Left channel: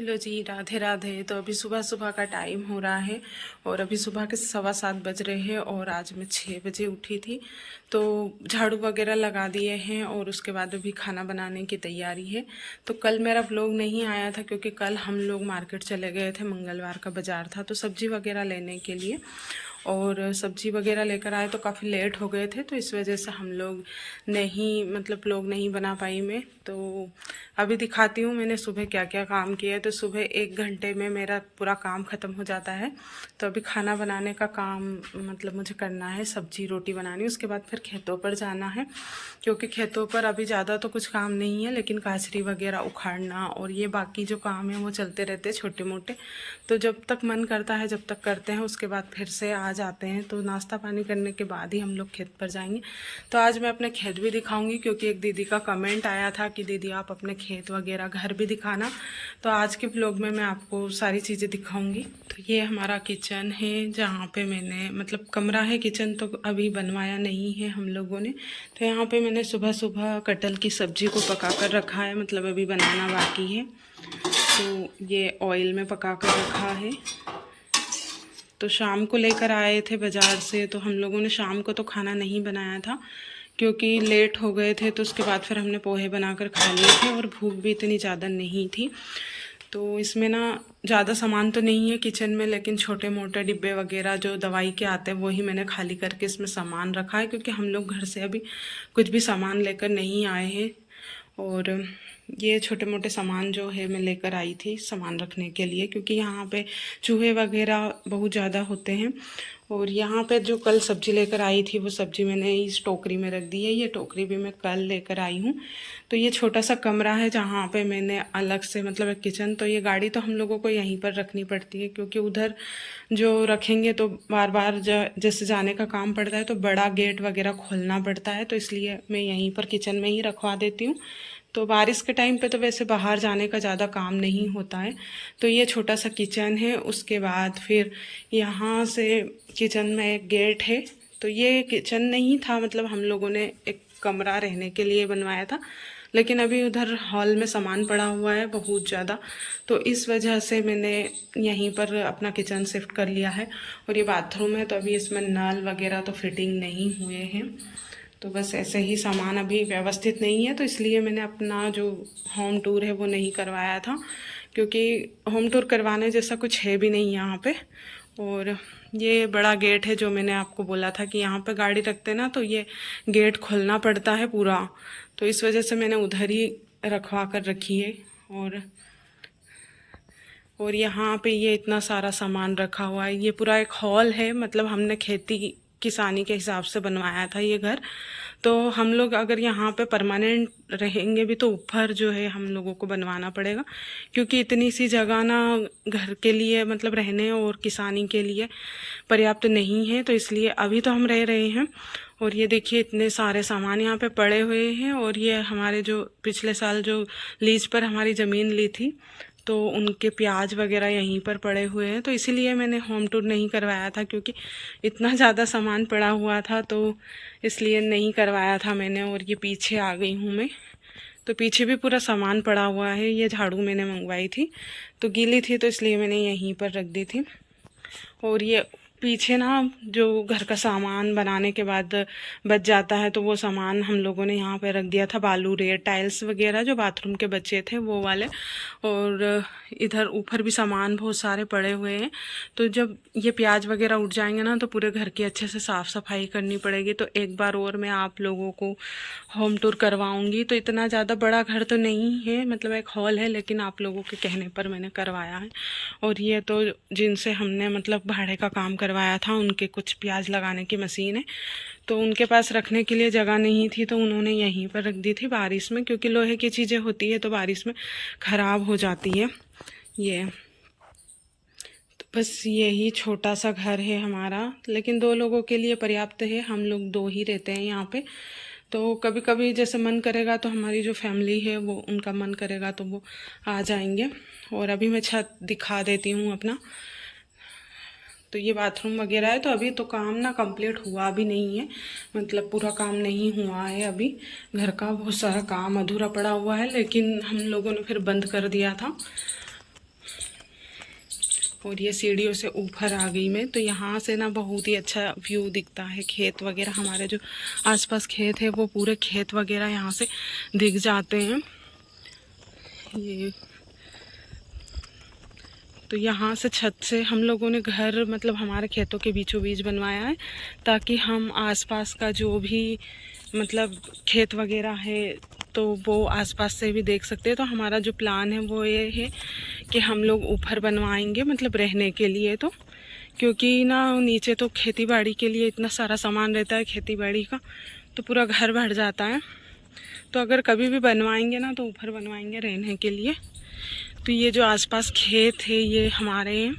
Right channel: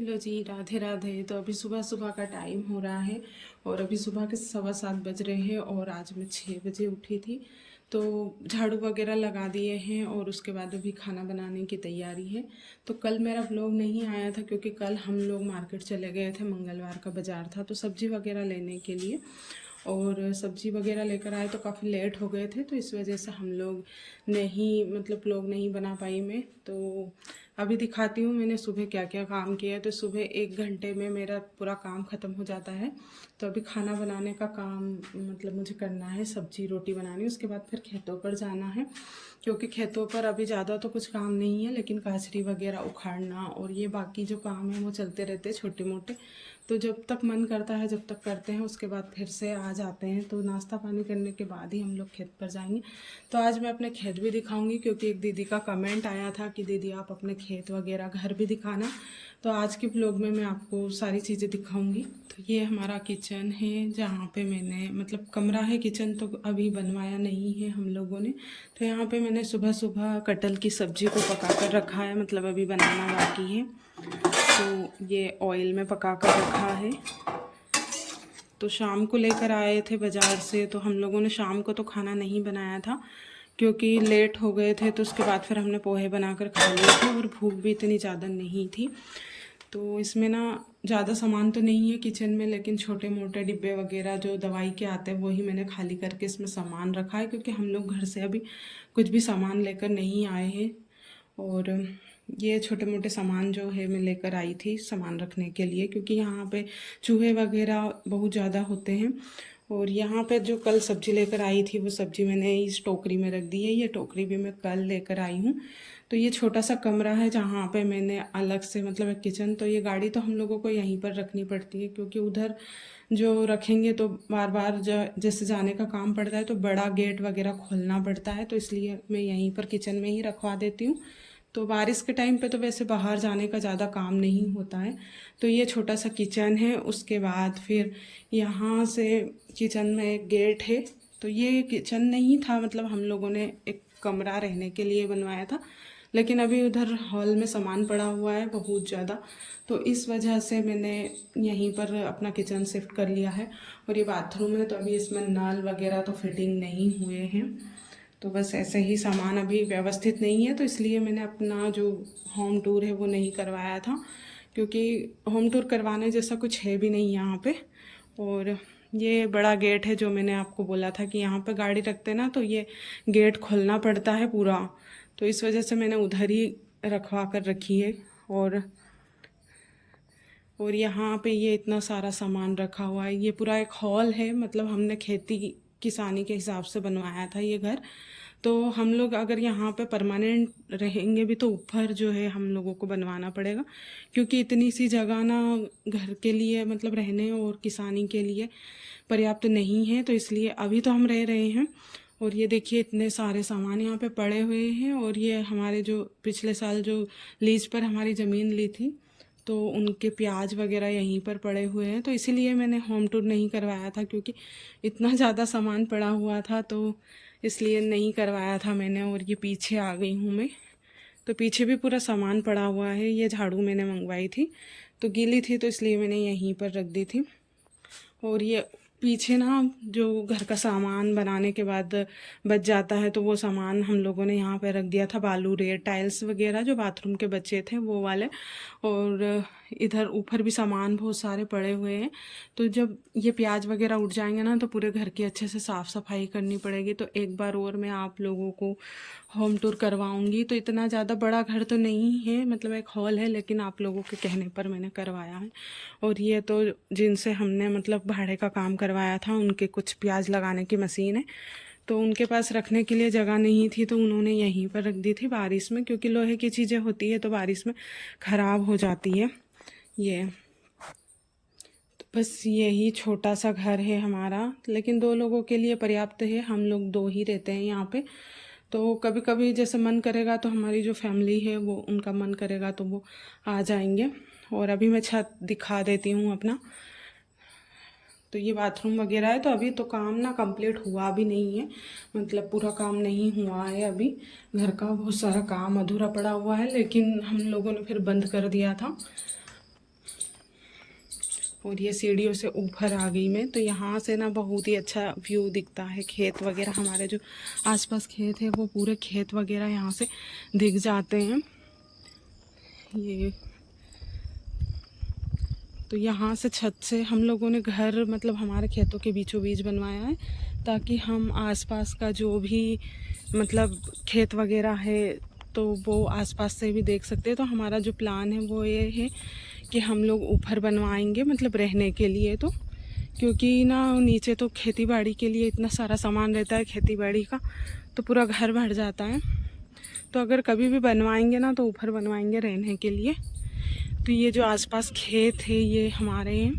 Hello जी, राधे राधे। तो अभी सुबह सुबह का टाइम हो रहा है और अभी सुबह के 7:15 बज रहे हैं और आज मैं 6 बजे उठी थी। तो झाड़ू वगैरह लगा दिए हैं और उसके बाद अभी खाना बनाने की तैयारी है। तो कल मेरा व्लॉग नहीं आया था क्योंकि कल हम लोग मार्केट चले गए थे, मंगलवार का बाज़ार था तो सब्ज़ी वगैरह लेने के लिए। और सब्ज़ी वगैरह लेकर आए तो काफ़ी लेट हो गए थे, तो इस वजह से हम लोग नहीं मतलब व्लॉग नहीं बना पाई मैं। तो अभी दिखाती हूँ मैंने सुबह क्या क्या काम किया है। तो सुबह 1 घंटे में मेरा पूरा काम ख़त्म हो जाता है। तो अभी खाना बनाने का काम मतलब मुझे करना है, सब्जी रोटी बनानी, उसके बाद फिर खेतों पर जाना है क्योंकि खेतों पर अभी ज़्यादा तो कुछ काम नहीं है, लेकिन काचरी वगैरह उखाड़ना और ये बाकी जो काम है वो चलते रहते हैं छोटे मोटे। तो जब तक मन करता है जब तक करते हैं, उसके बाद फिर से आ जाते हैं। तो नाश्ता पानी करने के बाद ही हम लोग खेत पर जाएंगे। तो आज मैं अपने खेत भी दिखाऊंगी क्योंकि एक दीदी का कमेंट आया था कि दीदी आप अपने खेत वगैरह घर भी दिखाना। तो आज के ब्लॉग में मैं आपको सारी चीज़ें दिखाऊंगी। तो ये हमारा किचन है जहाँ पे मैंने मतलब कमरा है, किचन तो अभी बनवाया नहीं है हम लोगों ने। तो यहाँ पे मैंने सुबह सुबह कटहल की सब्ज़ी को पका कर रखा है, मतलब अभी बनाना बाकी है। तो ये ऑयल में पका कर रखा है। तो शाम को लेकर आए थे बाज़ार से, तो हम लोगों ने शाम को तो खाना नहीं बनाया था क्योंकि लेट हो गए थे। तो उसके बाद फिर हमने पोहे बनाकर खा लिए थे और भूख भी इतनी ज़्यादा नहीं थी। तो इसमें ना ज़्यादा सामान तो नहीं है किचन में, लेकिन छोटे मोटे डिब्बे वगैरह जो दवाई के आते हैं वही मैंने खाली करके इसमें सामान रखा है क्योंकि हम लोग घर से अभी कुछ भी सामान लेकर नहीं आए हैं। और ये छोटे मोटे सामान जो है मैं लेकर आई थी सामान रखने के लिए क्योंकि यहाँ पे चूहे वगैरह बहुत ज़्यादा होते हैं। और यहाँ पे जो कल सब्ज़ी लेकर आई थी वो सब्ज़ी मैंने इस टोकरी में रख दी है। ये टोकरी भी मैं कल लेकर आई हूँ। तो ये छोटा सा कमरा है जहाँ पे मैंने अलग से मतलब एक किचन, तो ये गाड़ी तो हम लोगों को यहीं पर रखनी पड़ती है क्योंकि उधर जो रखेंगे तो बार बार जैसे जाने का काम पड़ता है तो बड़ा गेट वगैरह खोलना पड़ता है। तो इसलिए मैं यहीं पर किचन में ही रखवा देती हूँ। तो बारिश के टाइम पे तो वैसे बाहर जाने का ज़्यादा काम नहीं होता है। तो ये छोटा सा किचन है। उसके बाद फिर यहाँ से किचन में एक गेट है। तो ये किचन नहीं था, मतलब हम लोगों ने एक कमरा रहने के लिए बनवाया था, लेकिन अभी उधर हॉल में सामान पड़ा हुआ है बहुत ज़्यादा। तो इस वजह से मैंने यहीं पर अपना किचन शिफ्ट कर लिया है। और ये बाथरूम है, तो अभी इसमें नल वगैरह तो फिटिंग नहीं हुए हैं। तो बस ऐसे ही सामान अभी व्यवस्थित नहीं है, तो इसलिए मैंने अपना जो होम टूर है वो नहीं करवाया था क्योंकि होम टूर करवाने जैसा कुछ है भी नहीं यहाँ पे। और ये बड़ा गेट है जो मैंने आपको बोला था कि यहाँ पे गाड़ी रखते ना तो ये गेट खोलना पड़ता है पूरा। तो इस वजह से मैंने उधर ही रखवा कर रखी है। और यहाँ पे ये इतना सारा सामान रखा हुआ है। ये पूरा एक हॉल है, मतलब हमने खेती किसानी के हिसाब से बनवाया था ये घर। तो हम लोग अगर यहाँ पे परमानेंट रहेंगे भी तो ऊपर जो है हम लोगों को बनवाना पड़ेगा क्योंकि इतनी सी जगह ना घर के लिए मतलब रहने और किसानी के लिए पर्याप्त नहीं है। तो इसलिए अभी तो हम रह रहे हैं। और ये देखिए इतने सारे सामान यहाँ पे पड़े हुए हैं। और ये हमारे जो पिछले साल जो लीज पर हमारी ज़मीन ली थी तो उनके प्याज वगैरह यहीं पर पड़े हुए हैं। तो इसीलिए मैंने होम टूर नहीं करवाया था क्योंकि इतना ज़्यादा सामान पड़ा हुआ था, तो इसलिए नहीं करवाया था मैंने। और ये पीछे आ गई हूँ मैं। तो पीछे भी पूरा सामान पड़ा हुआ है। ये झाड़ू मैंने मंगवाई थी तो गीली थी तो इसलिए मैंने यहीं पर रख दी थी। और ये पीछे ना जो घर का सामान बनाने के बाद बच जाता है तो वो सामान हम लोगों ने यहाँ पे रख दिया था, बालू रेत टाइल्स वगैरह जो बाथरूम के बचे थे वो वाले। और इधर ऊपर भी सामान बहुत सारे पड़े हुए हैं। तो जब ये प्याज वगैरह उठ जाएंगे ना तो पूरे घर की अच्छे से साफ़ सफाई करनी पड़ेगी। तो एक बार और मैं आप लोगों को होम टूर करवाऊंगी। तो इतना ज़्यादा बड़ा घर तो नहीं है, मतलब एक हॉल है, लेकिन आप लोगों के कहने पर मैंने करवाया है। और ये तो जिनसे हमने मतलब भाड़े का काम करवाया था उनके कुछ प्याज लगाने की मशीन है, तो उनके पास रखने के लिए जगह नहीं थी तो उन्होंने यहीं पर रख दी थी बारिश में, क्योंकि लोहे की चीज़ें होती है तो बारिश में ख़राब हो जाती है। ये तो बस यही छोटा सा घर है हमारा, लेकिन 2 लोगों के लिए पर्याप्त है। हम लोग 2 ही रहते हैं यहाँ पे। तो कभी कभी जैसे मन करेगा तो हमारी जो फैमिली है वो उनका मन करेगा तो वो आ जाएंगे। और अभी मैं छत दिखा देती हूँ अपना। तो ये बाथरूम वगैरह है। तो अभी तो काम ना कंप्लीट हुआ भी नहीं है, मतलब पूरा काम नहीं हुआ है अभी। घर का बहुत सारा काम अधूरा पड़ा हुआ है, लेकिन हम लोगों ने फिर बंद कर दिया था। और ये सीढ़ियों से ऊपर आ गई मैं। तो यहाँ से ना बहुत ही अच्छा व्यू दिखता है, खेत वगैरह हमारे जो आसपास खेत है वो पूरे खेत वगैरह यहाँ से दिख जाते हैं। ये तो यहाँ से छत से हम लोगों ने घर मतलब हमारे खेतों के बीचों बीच बनवाया है, ताकि हम आसपास का जो भी मतलब खेत वगैरह है तो वो आसपास से भी देख सकते हैं। तो हमारा जो प्लान है वो ये है कि हम लोग ऊपर बनवाएंगे मतलब रहने के लिए। तो क्योंकि ना नीचे तो खेती बाड़ी के लिए इतना सारा सामान रहता है खेती बाड़ी का, तो पूरा घर भर जाता है। तो अगर कभी भी बनवाएंगे ना तो ऊपर बनवाएंगे रहने के लिए। तो ये जो आसपास खेत है ये हमारे हैं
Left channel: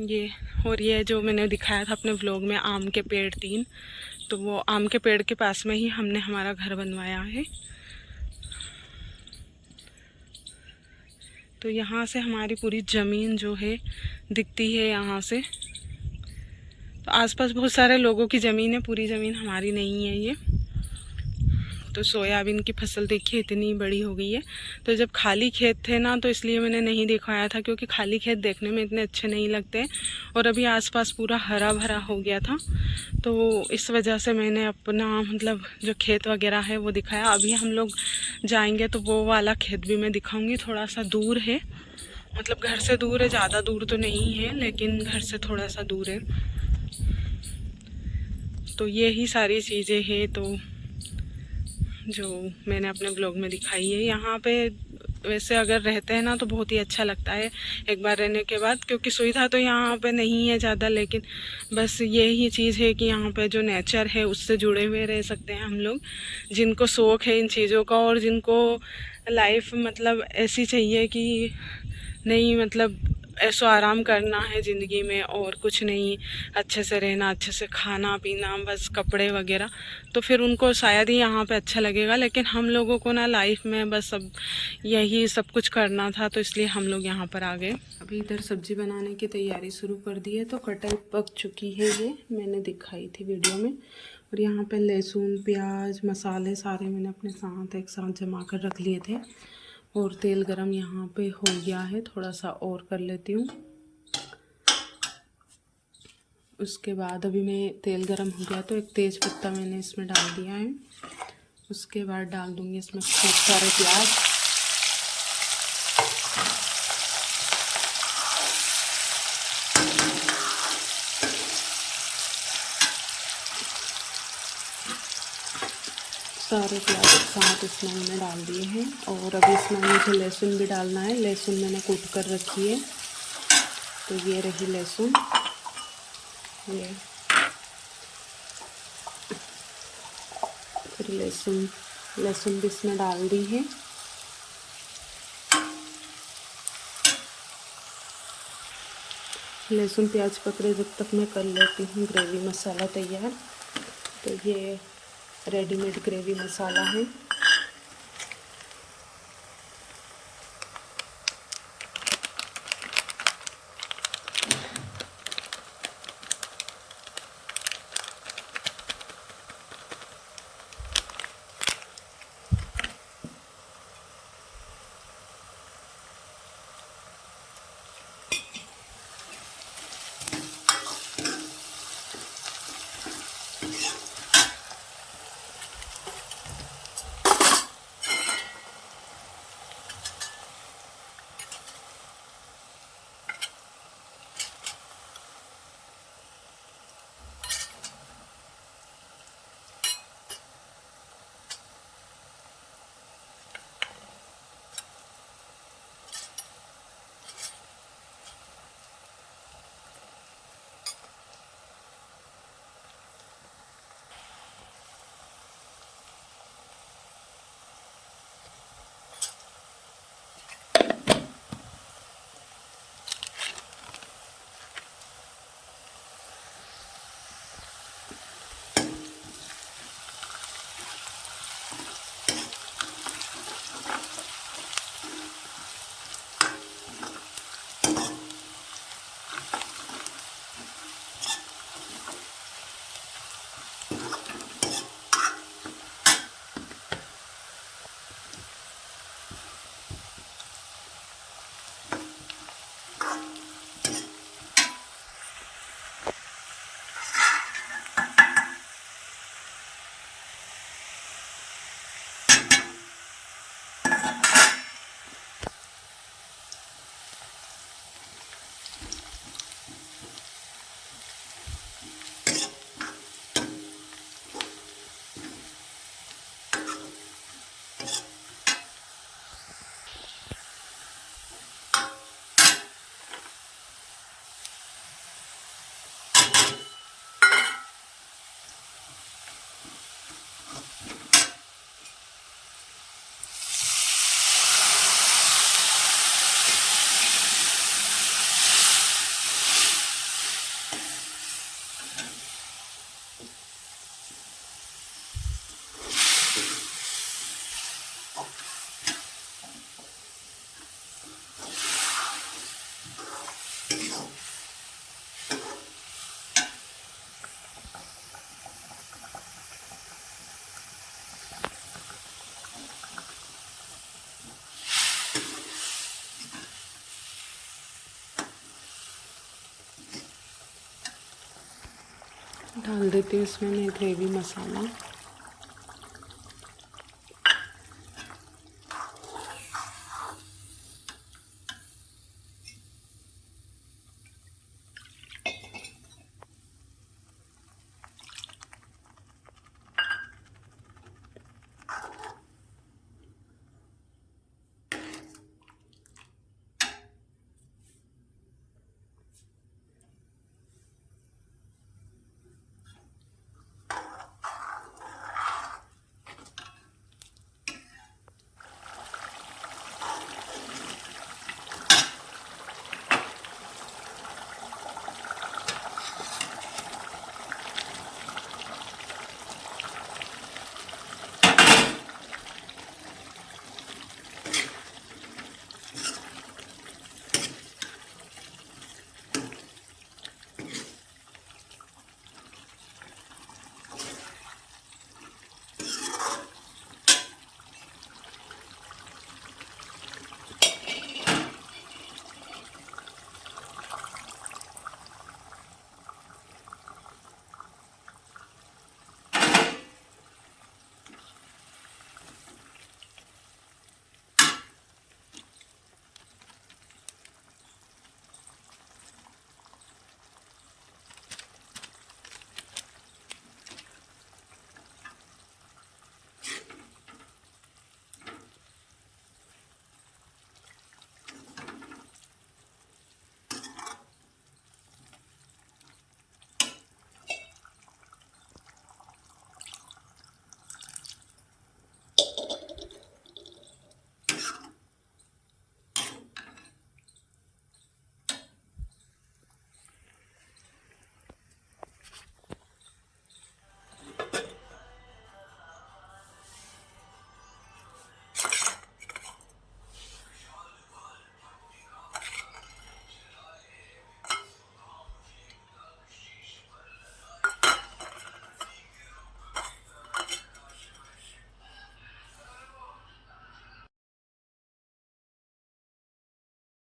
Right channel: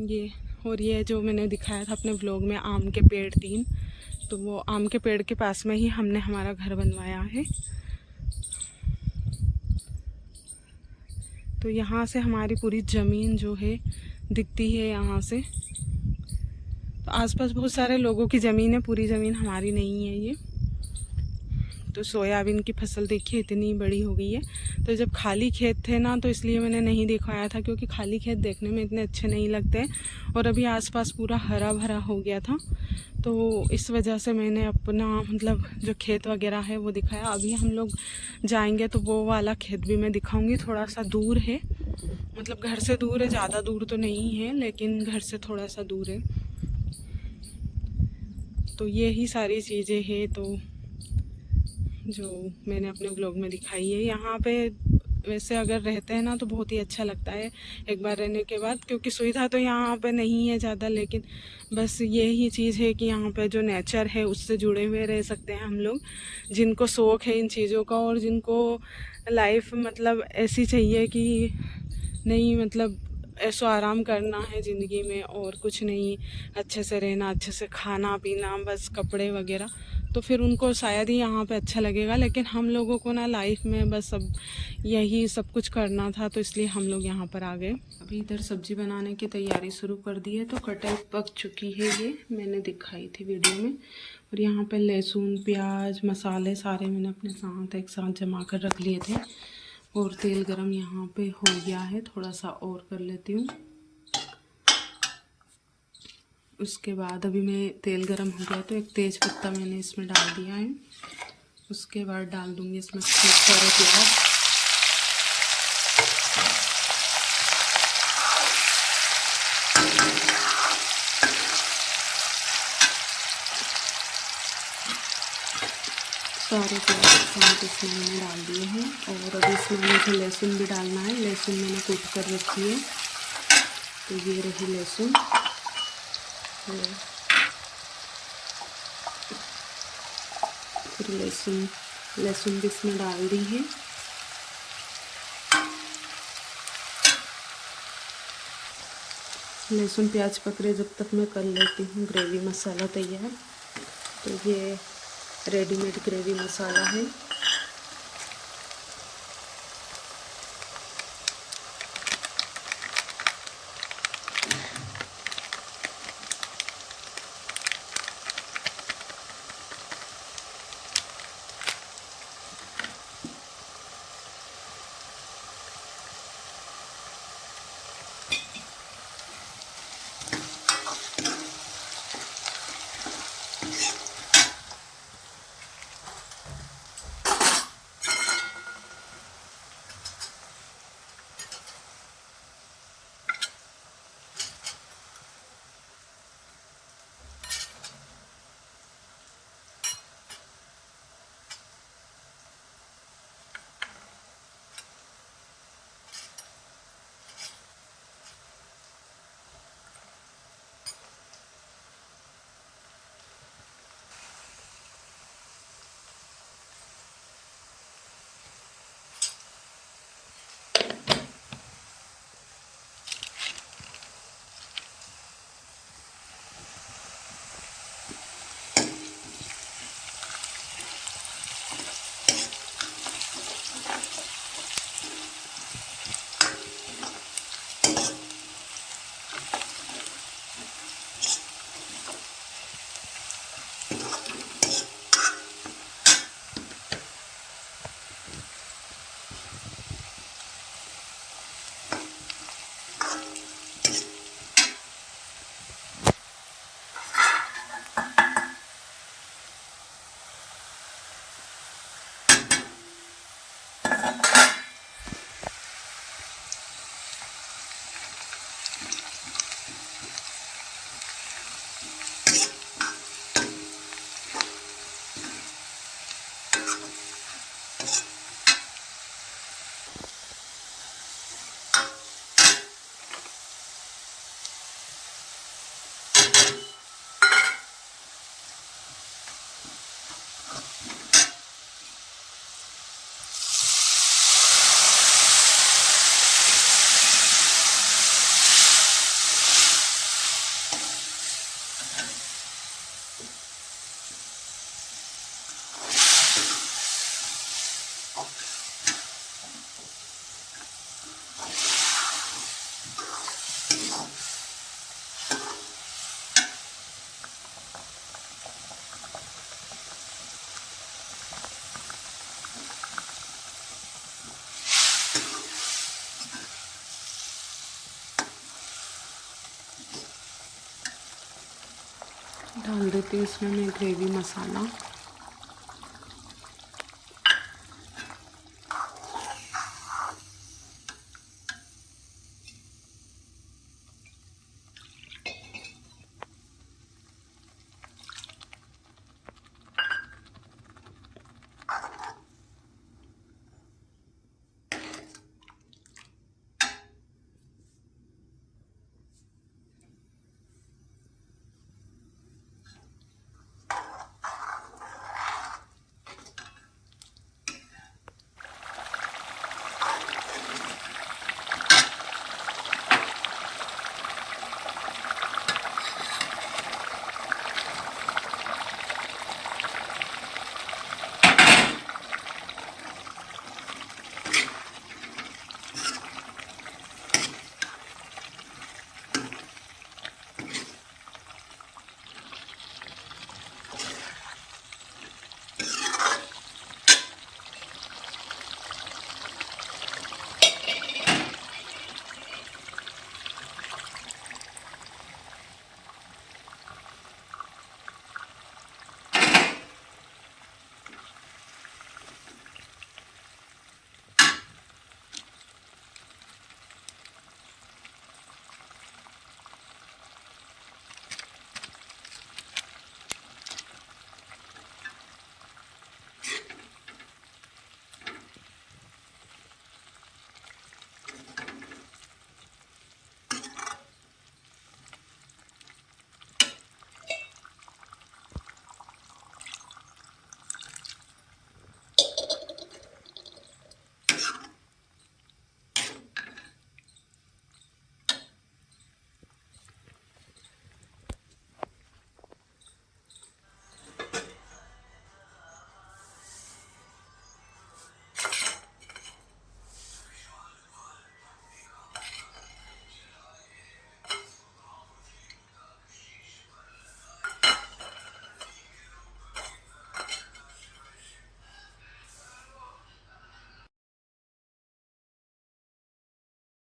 ये। और ये जो मैंने दिखाया था अपने व्लॉग में आम के पेड़ 3, तो वो आम के पेड़ के पास में ही हमने हमारा घर बनवाया है। तो यहाँ से हमारी पूरी ज़मीन जो है दिखती है यहाँ से। तो आसपास बहुत सारे लोगों की ज़मीन है, पूरी ज़मीन हमारी नहीं है ये। तो सोयाबीन की फसल देखिए इतनी बड़ी हो गई है। तो जब खाली खेत थे ना तो इसलिए मैंने नहीं दिखाया था, क्योंकि खाली खेत देखने में इतने अच्छे नहीं लगते। और अभी आसपास पूरा हरा भरा हो गया था, तो इस वजह से मैंने अपना मतलब जो खेत वगैरह है वो दिखाया। अभी हम लोग जाएंगे तो वो वाला खेत भी मैं दिखाऊंगी। थोड़ा सा दूर है, मतलब घर से दूर है, ज़्यादा दूर तो नहीं है लेकिन घर से थोड़ा सा दूर है। तो यही सारी चीज़ें हैं तो जो मैंने अपने ब्लॉग में दिखाई है। यहाँ पे वैसे अगर रहते हैं ना तो बहुत ही अच्छा लगता है एक बार रहने के बाद, क्योंकि सुविधा तो यहाँ पे नहीं है ज़्यादा, लेकिन बस यही चीज़ है कि यहाँ पे जो नेचर है उससे जुड़े हुए रह सकते हैं हम लोग, जिनको शौक़ है इन चीज़ों का और जिनको लाइफ मतलब ऐसी चाहिए कि नहीं मतलब ऐसो आराम करना है ज़िंदगी में और कुछ नहीं, अच्छे से रहना, अच्छे से खाना पीना, बस कपड़े वगैरह, तो फिर उनको शायद ही यहाँ पे अच्छा लगेगा। लेकिन हम लोगों को ना लाइफ में बस अब यही सब कुछ करना था, तो इसलिए हम लोग यहाँ पर आ गए। अभी इधर सब्ज़ी बनाने की तैयारी शुरू कर दी है। तो कटहल पक चुकी है, ये मैंने दिखाई थी वीडियो में। और यहाँ पर लहसुन प्याज मसाले सारे मैंने अपने साथ एक साथ जमा कर रख लिए थे। और तेल गरम यहाँ पे हो गया है, थोड़ा सा और कर लेती हूँ। उसके बाद अभी मैं तेल गरम हो गया तो एक तेज पत्ता मैंने इसमें डाल दिया है। उसके बाद डाल दूँगी इसमें खूब सारे प्याज। सारे प्याज साथ इसमें मैंने डाल दिए हैं। और अभी इसमें मुझे लहसुन भी डालना है। लहसुन मैंने कूट कर रखी है, तो ये रही लहसुन। ये फिर लहसुन भी इसमें डाल दी है। लहसुन प्याज पकड़े जब तक मैं कर लेती हूँ ग्रेवी मसाला तैयार। तो ये रेडीमेड ग्रेवी मसाला है। डाल देती हूँ इसमें मैं ग्रेवी मसाला।